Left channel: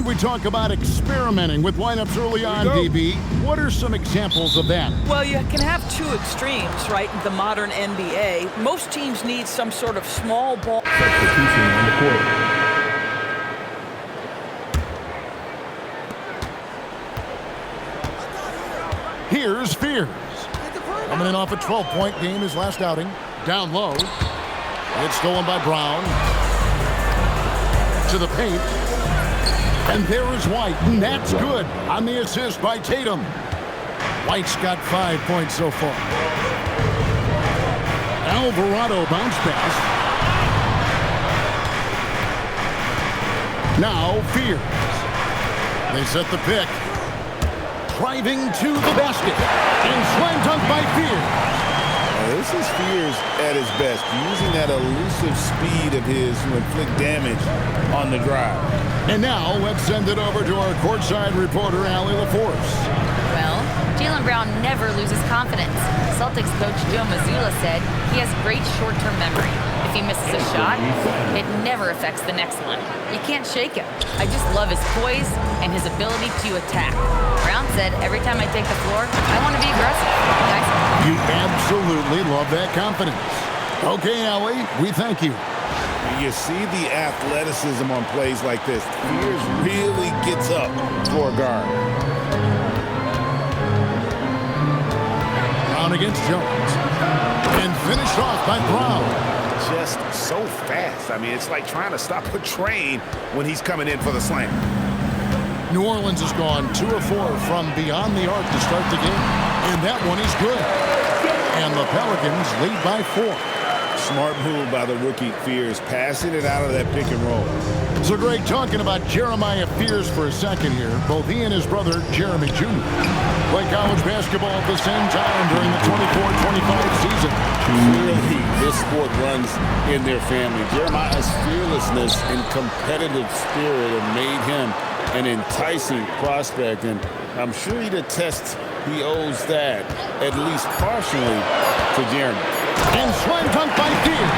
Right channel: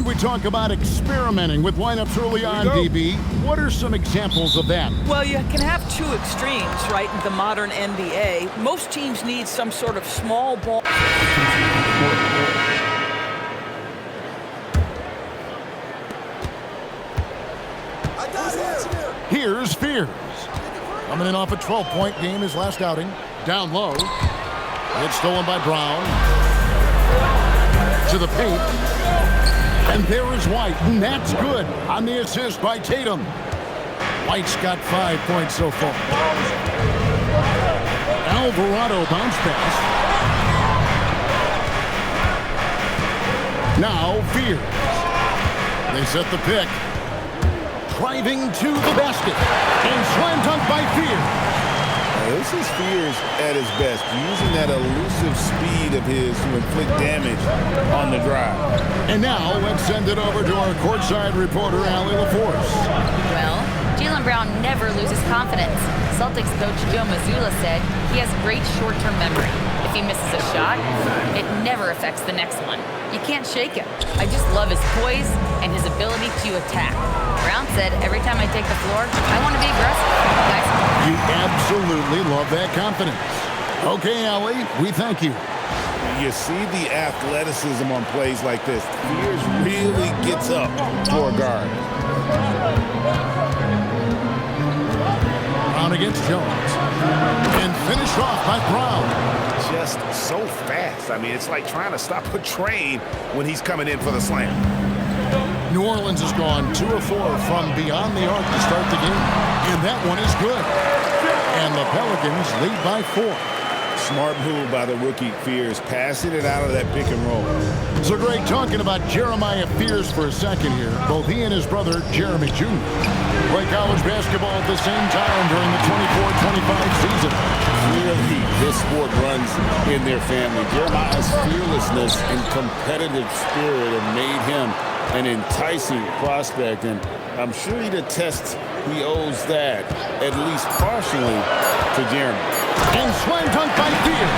And we talk about experimenting with lineups early on, DB. What are some examples of that? Well, you can have two extremes, right, in the modern NBA. Most teams need some sort of small ball. Here's Fears. Coming in off a 12-point game his last outing. Down low. It's stolen by Brown. To the paint. And there is White, and that's good on the assist by Tatum. White's got 5 points so far. Alvarado bounce pass. Now Fears. They set the pick. Driving to the basket. And slam dunk by Fears. This is Fears at his best, using that elusive speed of his to inflict damage on the drive. And now let's send it over to our courtside reporter, Allie LaForce. Well, Jaylen Brown never loses confidence. Celtics coach Joe Mazzulla said he has great short-term memory. If he misses a shot, it never affects the next one. You can't shake him. I just love his poise and his ability to attack. Brown said, every time I take the floor, I want to be aggressive. Guys. You absolutely love that confidence. Okay, Allie, we thank you. You see the athleticism on plays like this. Fears really gets up for a guard. Brown against Jones. And finished off by Brown. Just so fast. I mean, it's like trying to stop a train when he's coming in for the slam. New Orleans has gone 2 of 4 from beyond the arc to start the game. And that one is good. And the Pelicans lead by 4. Smart move by the rookie Fears, passing it out of that pick and roll. So great talking about Jeremiah Fears for a second here. Both he and his brother, Jeremy Jr., play college basketball at the same time during the 24-25 season. Clearly, this sport runs in their family. Jeremiah's fearlessness and competitive spirit have made him an enticing prospect, and I'm sure he'd attest he owes that, at least partially, to Jeremy. And slam dunk by Fears.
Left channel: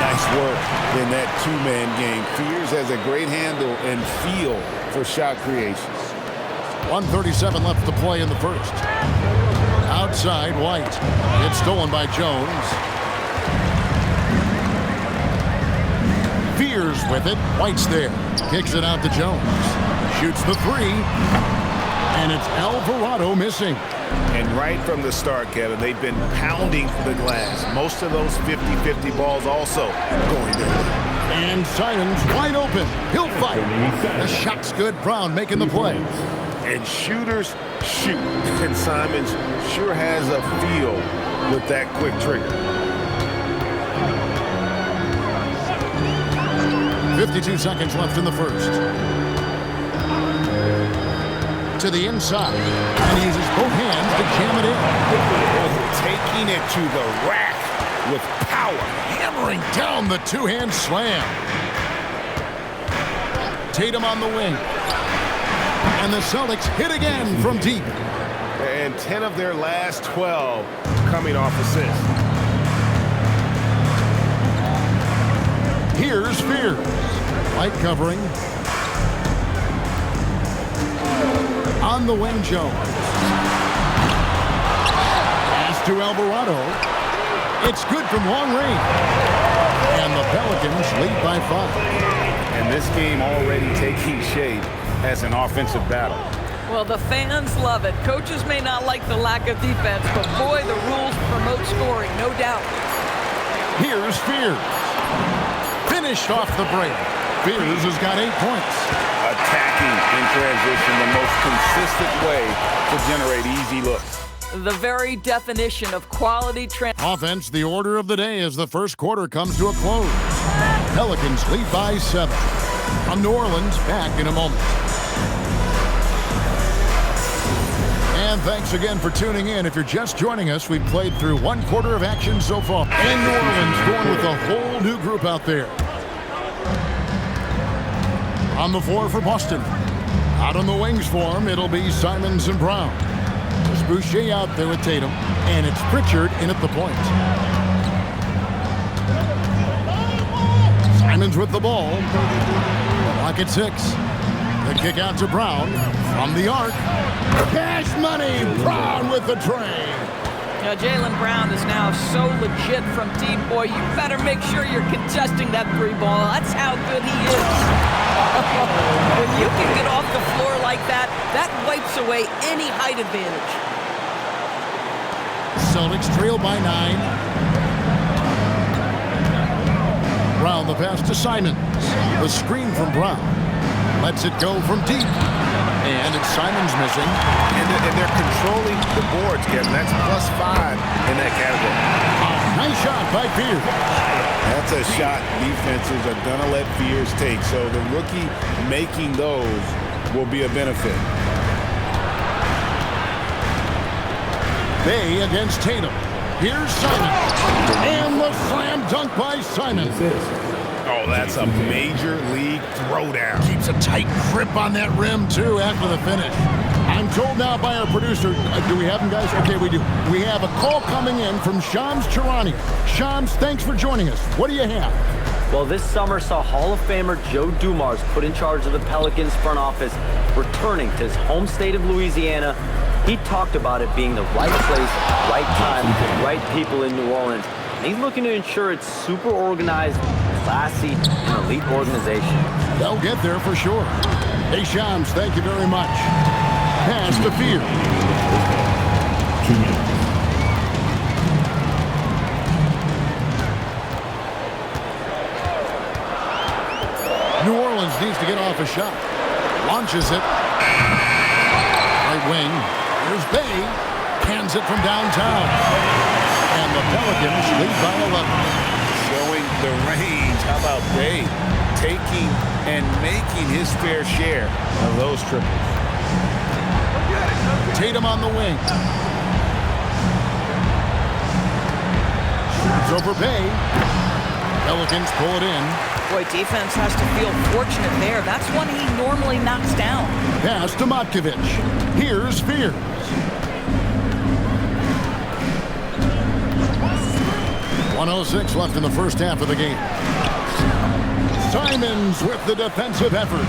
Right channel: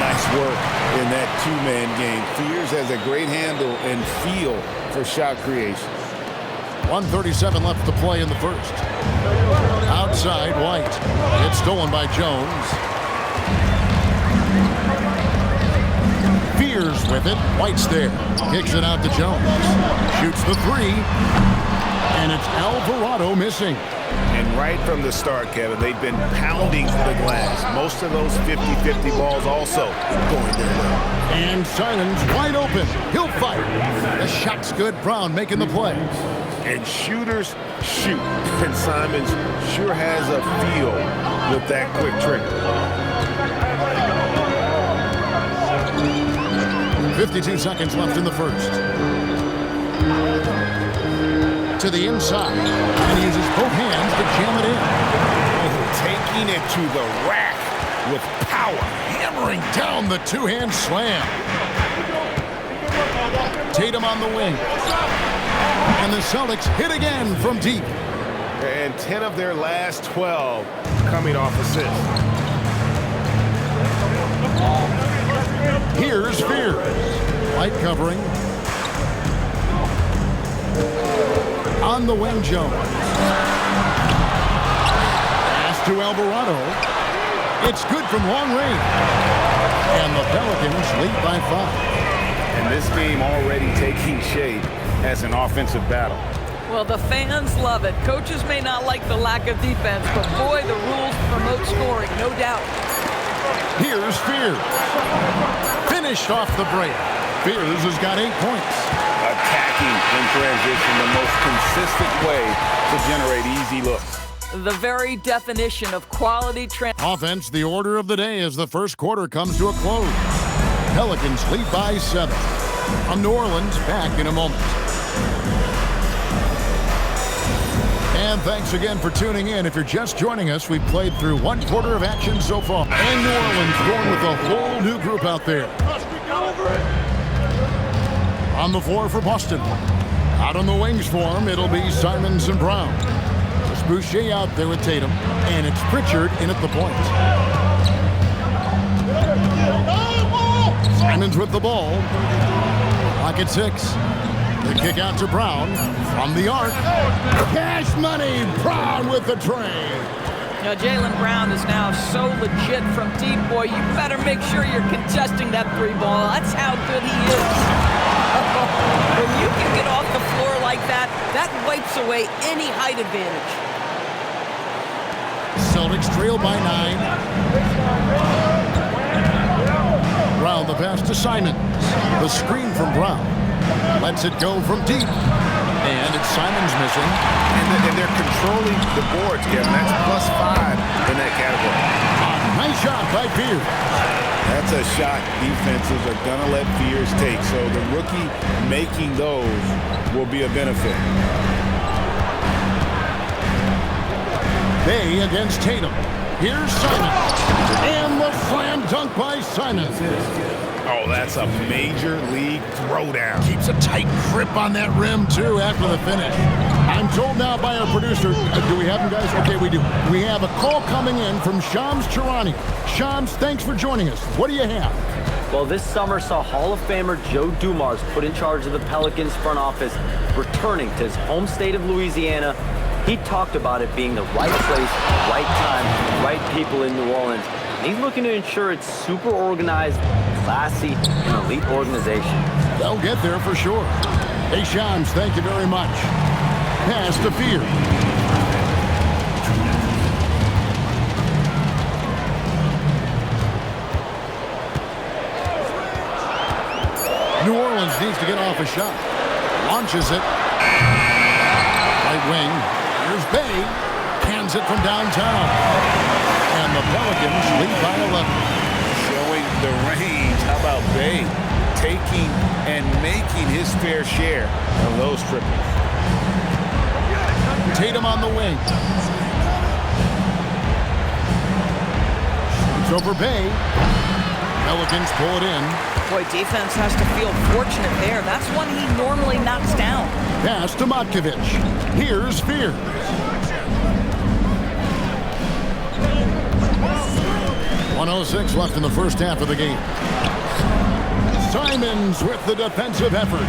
Nice work in that two-man game. Fears has a great handle and feel for shot creation. 1:37 left to play in the first. Outside, White. It's stolen by Jones. Fears with it. White's there. Kicks it out to Jones. Shoots the three. And it's Alvarado missing. And right from the start, Kevin, they've been pounding the glass. Most of those 50-50 balls also going their way. And Simons wide open. He'll fight. The shot's good. Brown making the play. And shooters shoot. And Simons sure has a feel with that quick trigger. 52 seconds left in the first. To the inside, and he uses both hands to jam it in. Oh, taking it to the rack with power. Hammering down the two-hand slam. Tatum on the wing. And the Celtics hit again from deep. And 10 of their last 12 coming off assists. Here's Fears. Light covering. On the wing, Jones. Pass to Alvarado. It's good from long range. And the Pelicans lead by 5. And this game already taking shape as an offensive battle. Well, the fans love it. Coaches may not like the lack of defense, but boy, the rules promote scoring, no doubt. Here's Fears. Finished off the break. Fears has got 8 points. Attacking in transition, the most consistent way to generate easy looks. The very definition of quality offense, the order of the day as the first quarter comes to a close. Pelicans lead by 7. I'm New Orleans, back in a moment. And thanks again for tuning in. If you're just joining us, we've played through 1 quarter of action so far. And New Orleans going with a whole new group out there. On the floor for Boston. Out on the wings for him, it'll be Simons and Brown. There's Boucher out there with Tatum. And it's Pritchard in at the point. Simons with the ball. Clock at 6. The kick out to Brown from the arc. Cash money. Brown with the tray. Now, Jaylen Brown is now so legit from deep, boy. You better make sure you're contesting that three ball. That's how good he is. When you can get off the floor like that, that wipes away any height advantage. Celtics trail by 9. Brown the pass to Simons. The screen from Brown. Lets it go from deep. And it's Simons missing. And they're controlling the boards, Kevin. That's +5 in that category. A nice shot by Fears. That's a shot defenses are going to let Fears take. So the rookie making those will be a benefit. Bay against Tatum. Here's Simons. And the slam dunk by Simons. Oh, that's a major league throwdown. Keeps a tight grip on that rim, too, after the finish. I'm told now by our producer, do we have him, guys? Okay, we do. We have a call coming in from Shams Charania. Shams, thanks for joining us. What do you have? Well, this summer saw Hall of Famer Joe Dumars put in charge of the Pelicans front office, returning to his home state of Louisiana. He talked about it being the right place, right time, right people in New Orleans. And he's looking to ensure it's super organized, classy, and elite organization. They'll get there for sure. Hey, Shams, thank you very much. Pass to Fear. New Orleans needs to get off a shot. Launches it. Right wing. Here's Bay. Cans it from downtown. And the Pelicans lead by 11. Showing the range. How about Bay taking and making his fair share of those triples? Tatum on the wing. Shoots over Bay. Pelicans pull it in. Boy, defense has to feel fortunate there. That's one he normally knocks down. Pass to Matkovic. Here's Fears. .106 left in the first half of the game. Simons with the defensive effort.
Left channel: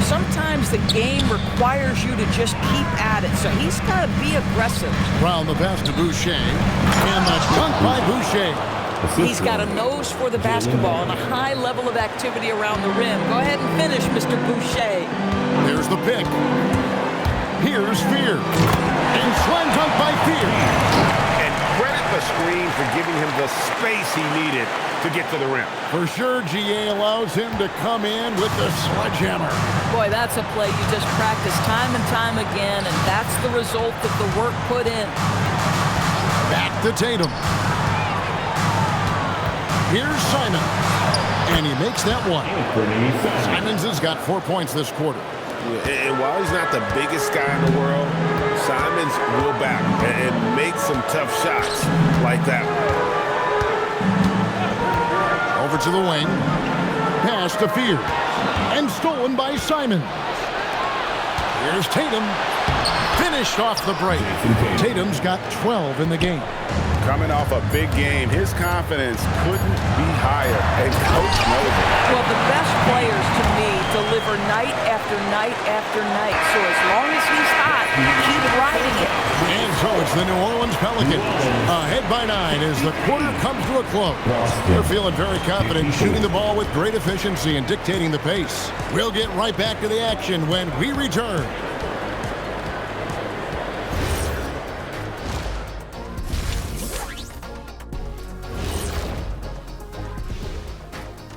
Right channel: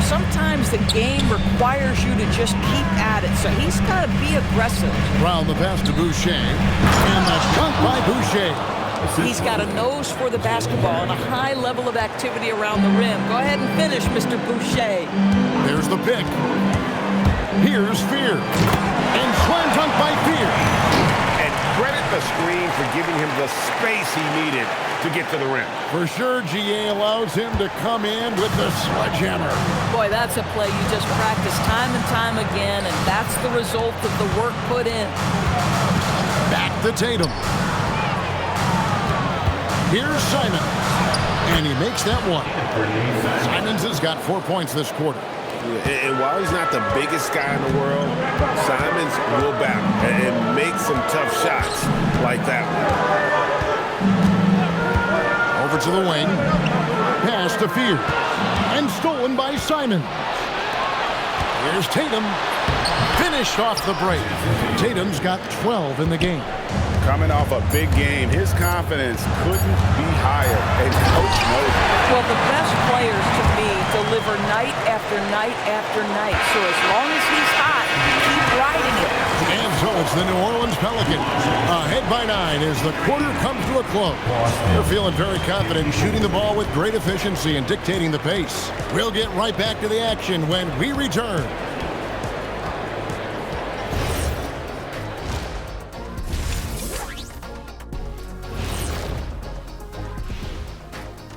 Sometimes the game requires you to just keep at it, so he's got to be aggressive. Brown the pass to Boucher. And the dunk by Boucher. He's got a nose for the basketball and a high level of activity around the rim. Go ahead and finish, Mr. Boucher. There's the pick. Here's Fear. And slam dunk by Fear. And credit the screen for giving him the space he needed to get to the rim. For sure, GA allows him to come in with the sledgehammer. Boy, that's a play you just practice time and time again, and that's the result of the work put in. Back to Tatum. Here's Simons. And he makes that one. Simons has got 4 points this quarter. And while he's not the biggest guy in the world, Simons will battle and make some tough shots like that one. Over to the wing. Pass to Fear. And stolen by Simons. Here's Tatum. Finished off the break. Tatum's got 12 in the game. Coming off a big game, his confidence couldn't be higher, and coach knows it. Well, the best players, to me, deliver night after night after night. So as long as he's hot, keep riding it. And so it's the New Orleans Pelicans. Ahead by 9 as the quarter comes to a close. They're feeling very confident, shooting the ball with great efficiency and dictating the pace. We'll get right back to the action when we return.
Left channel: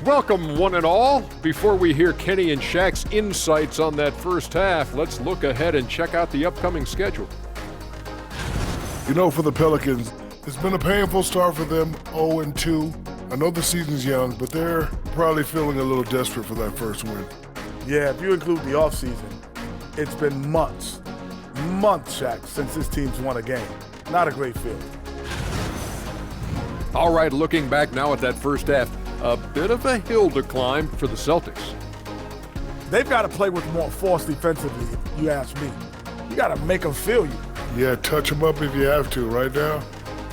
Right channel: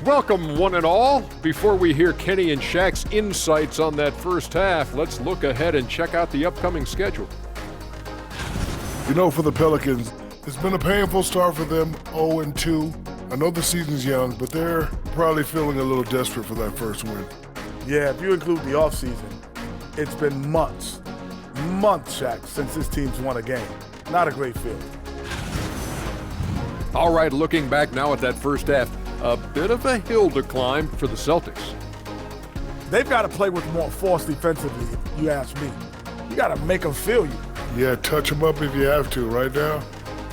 Welcome, one and all. Before we hear Kenny and Shaq's insights on that first half, let's look ahead and check out the upcoming schedule. You know, for the Pelicans, it's been a painful start for them, 0-2. I know the season's young, but they're probably feeling a little desperate for that first win. Yeah, if you include the offseason, it's been months, Shaq, since this team's won a game. Not a great feeling. All right, looking back now at that first half, a bit of a hill to climb for the Celtics. They've got to play with more force defensively, if you ask me. You got to make them feel you. Yeah, touch them up if you have to. Right now,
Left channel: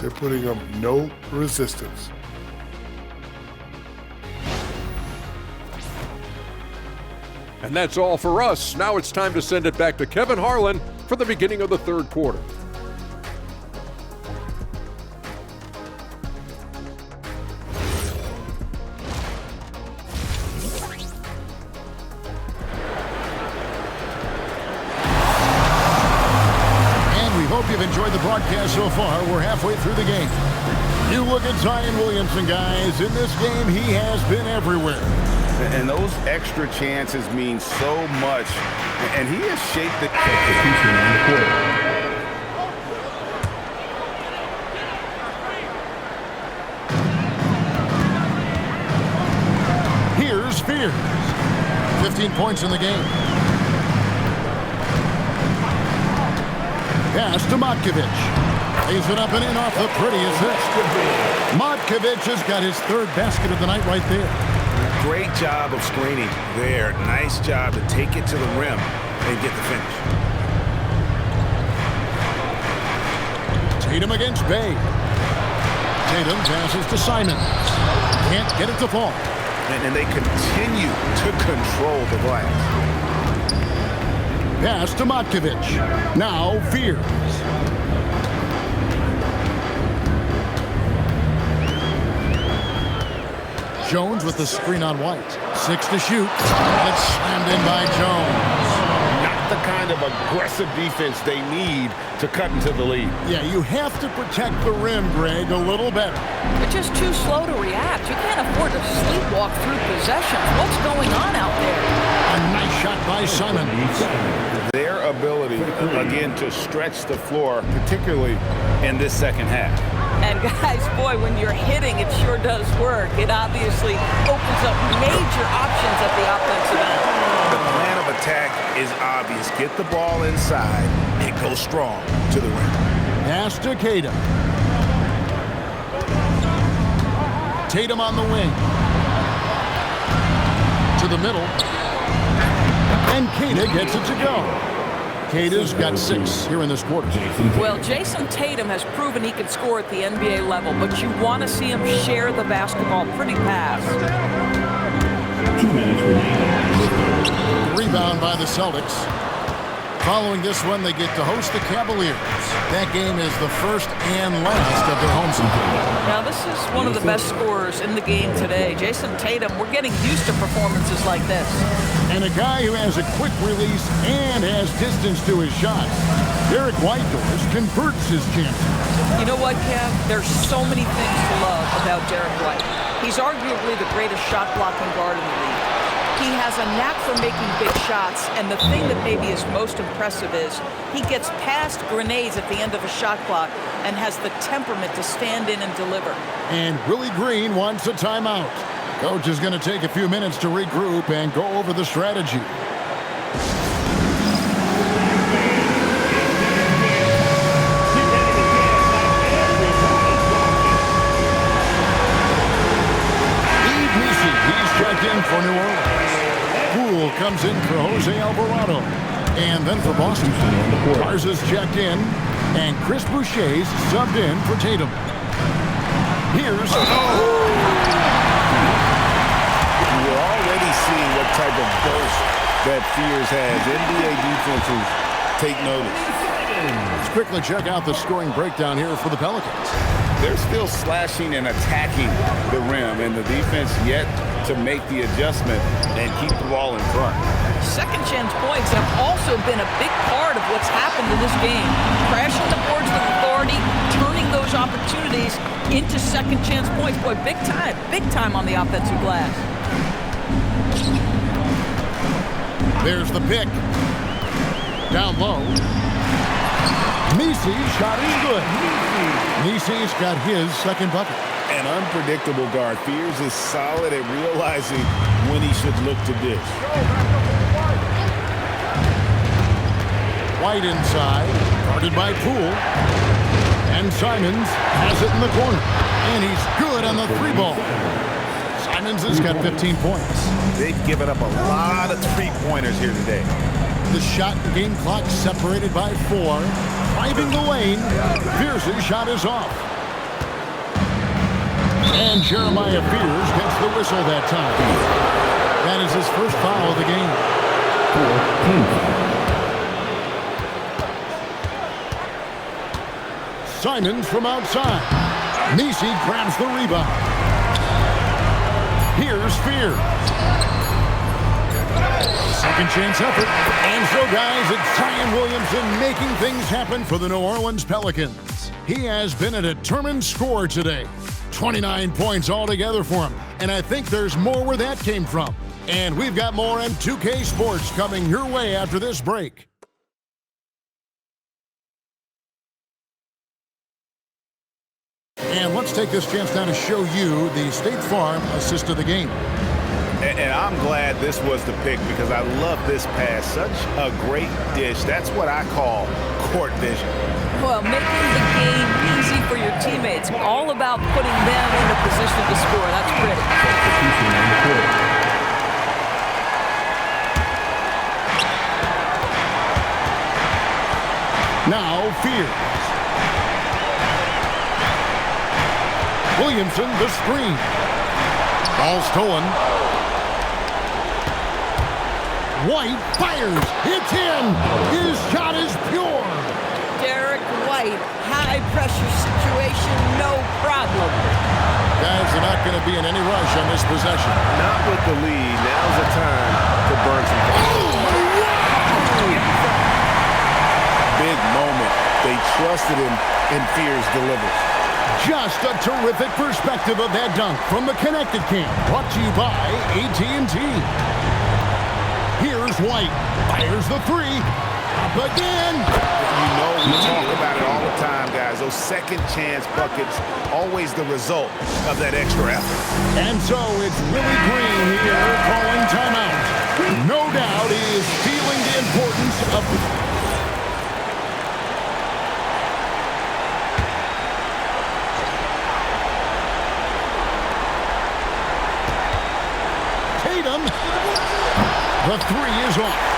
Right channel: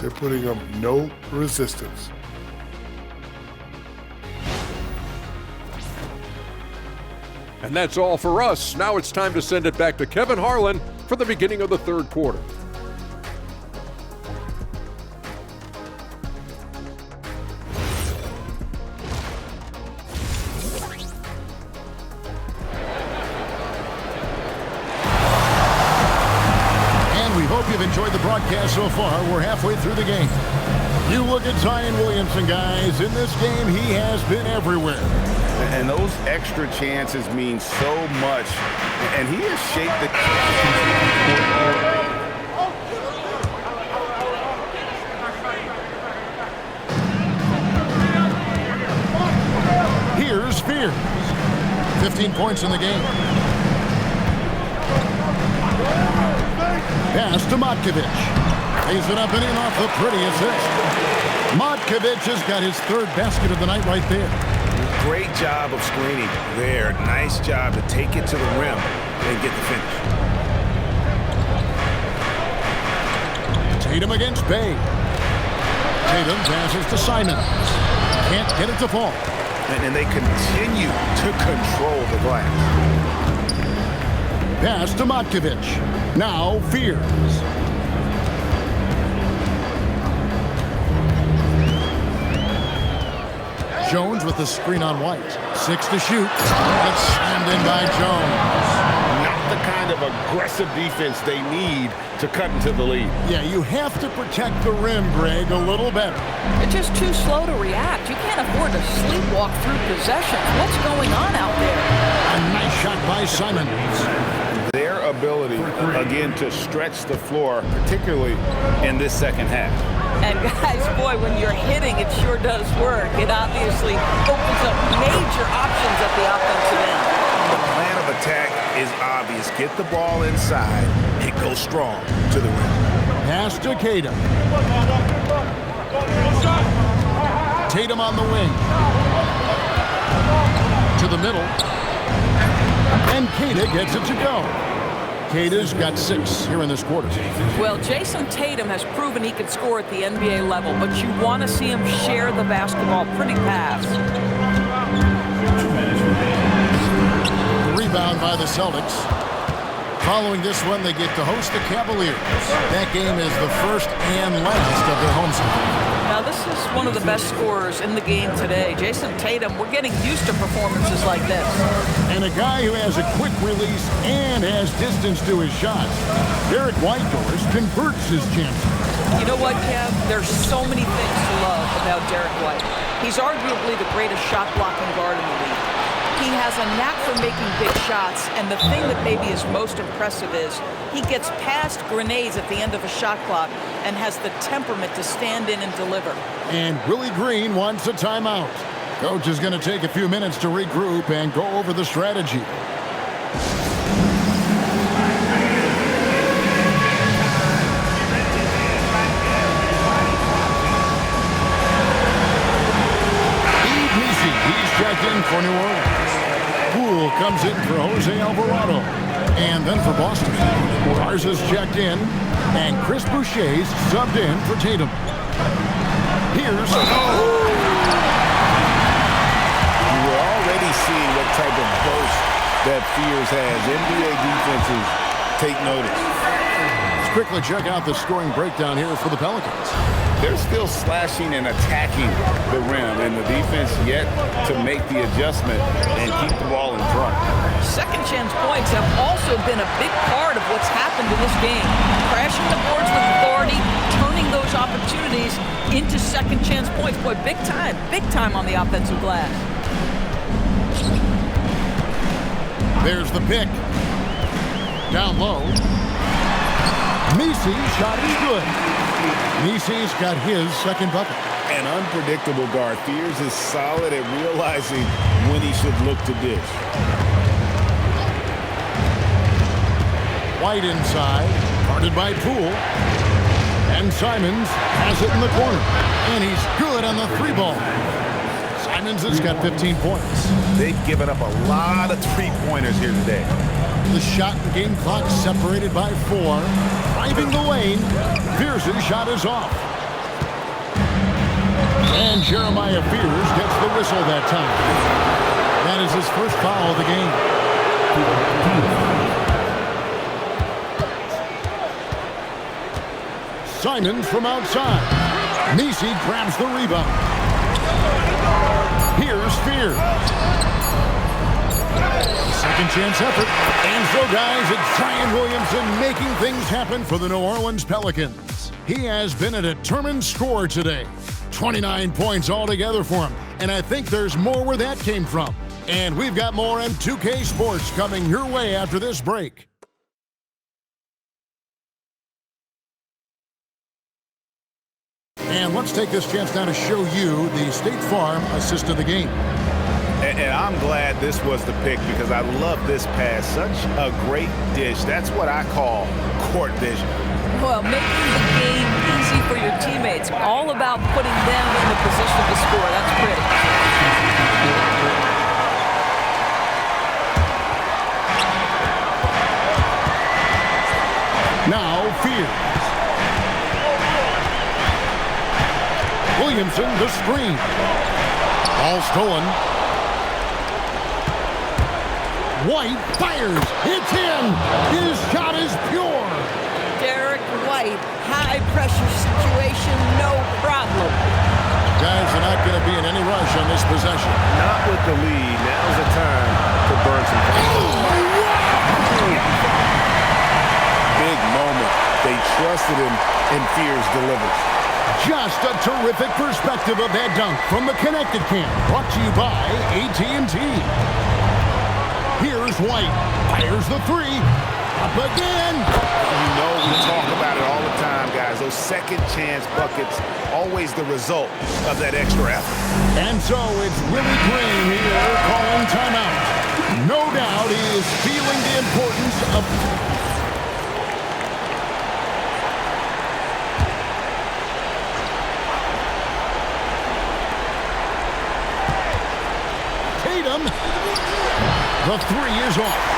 they're putting up no resistance. And that's all for us. Now it's time to send it back to Kevin Harlan for the beginning of the third quarter. And we hope you've enjoyed the broadcast so far. We're halfway through the game. You look at Zion Williamson, guys. In this game, he has been everywhere. And those extra chances mean so much. And he has shaped the... Here's Fears. 15 points in the game. Pass to Matkovic. Lays it up and in off the pretty assist. Matkovic has got his third basket of the night right there. Great job of screening there. Nice job to take it to the rim and get the finish. Tatum against Bay. Tatum passes to Simons. Can't get it to fall. And they continue to control the glass. Pass to Matkovic. Now Fears. Jones with the screen on White. 6 to shoot. And it's slammed in by Jones. Not the kind of aggressive defense they need to cut into the lead. Yeah, you have to protect the rim, Greg, a little better. They're just too slow to react. You can't afford to sleepwalk through possessions. What's going on out there? A nice shot by Simons. Their ability, again, to stretch the floor, particularly in this second half. And guys, boy, when you're hitting, it sure does work. It obviously opens up major options at the offensive end. The plan of attack is obvious. Get the ball inside and go strong to the rim. Pass to Tatum. Tatum on the wing. To the middle. And Kata gets it to go. Kata's got 6 here in this quarter. Well, Jason Tatum has proven he can score at the NBA level, but you want to see him share the basketball pretty fast. 2 minutes remaining. Rebound by the Celtics. Following this one, they get to host the Cavaliers. That game is the first and last of their home season. Now, this is one of the best scorers in the game today. Jason Tatum, we're getting used to performances like this. And a guy who has a quick release and has distance to his shots. Derek Whitehorse converts his chances. You know what, Kev? There's so many things to love about Derek White. He's arguably the greatest shot-blocking guard in the league. He has a knack for making big shots, and the thing that maybe is most impressive is he gets past grenades at the end of a shot clock and has the temperament to stand in and deliver. And Willie Green wants a timeout. Coach is going to take a few minutes to regroup and go over the strategy. He's checked in for New Orleans. Poole comes in for Jose Alvarado. And then for Boston, Garza's checked in, and Chris Boucher's subbed in for Tatum. Here's... We're already seeing what type of burst that Fears has. NBA defenses take notice. Let's quickly check out the scoring breakdown here for the Pelicans. They're still slashing and attacking the rim, and the defense yet to make the adjustment and keep the ball in front. Second chance points have also been a big part of what's happened in this game. Crashing the boards with authority, turning those opportunities into second chance points. Boy, big time on the offensive glass. There's the pick. Down low. Misi's shot is good. Misi's got his second bucket. An unpredictable guard. Fears is solid at realizing when he should look to dish. White inside, guarded by Poole. And Simons has it in the corner. And he's good on the 3-ball. Simons has got 15 points. They've given up a lot of 3-pointers here today. The shot and game clock separated by 4. Driving the lane, Fears' shot is off. And Jeremiah Fears gets the whistle that time. That is his first foul of the game. Team foul. Simons from outside. Nisi grabs the rebound. Here's Fear. Second chance effort. And so, guys, it's Zion Williamson making things happen for the New Orleans Pelicans. He has been a determined scorer today. 29 points altogether for him. And I think there's more where that came from. And we've got more on 2K Sports coming your way after this break. And let's take this chance now to show you the State Farm assist of the game. And I'm glad this was the pick because I love this pass. Such a great dish. That's what I call court vision. Well, making the game easy for your teammates. All about putting them in a position to score. That's pretty. Now Fears. Williamson, the screen. Ball stolen. White fires. It's in. His shot is pure. Derek White, high-pressure situation, no problem. Guys are not going to be in any rush on this possession. Not with the lead. Now's the time to burn some fire. Oh, wow! Big moment. They trusted him, and Fears delivers. Just a terrific perspective of that dunk from the Connected Cam. Brought to you by AT&T. Here's White. Fires the three. Up again. You know we talk about it all the time, guys. Those second chance buckets, always the result of that extra effort. And so it's Willie Green here calling timeout. No doubt he is feeling the importance of... Tatum. The three is off.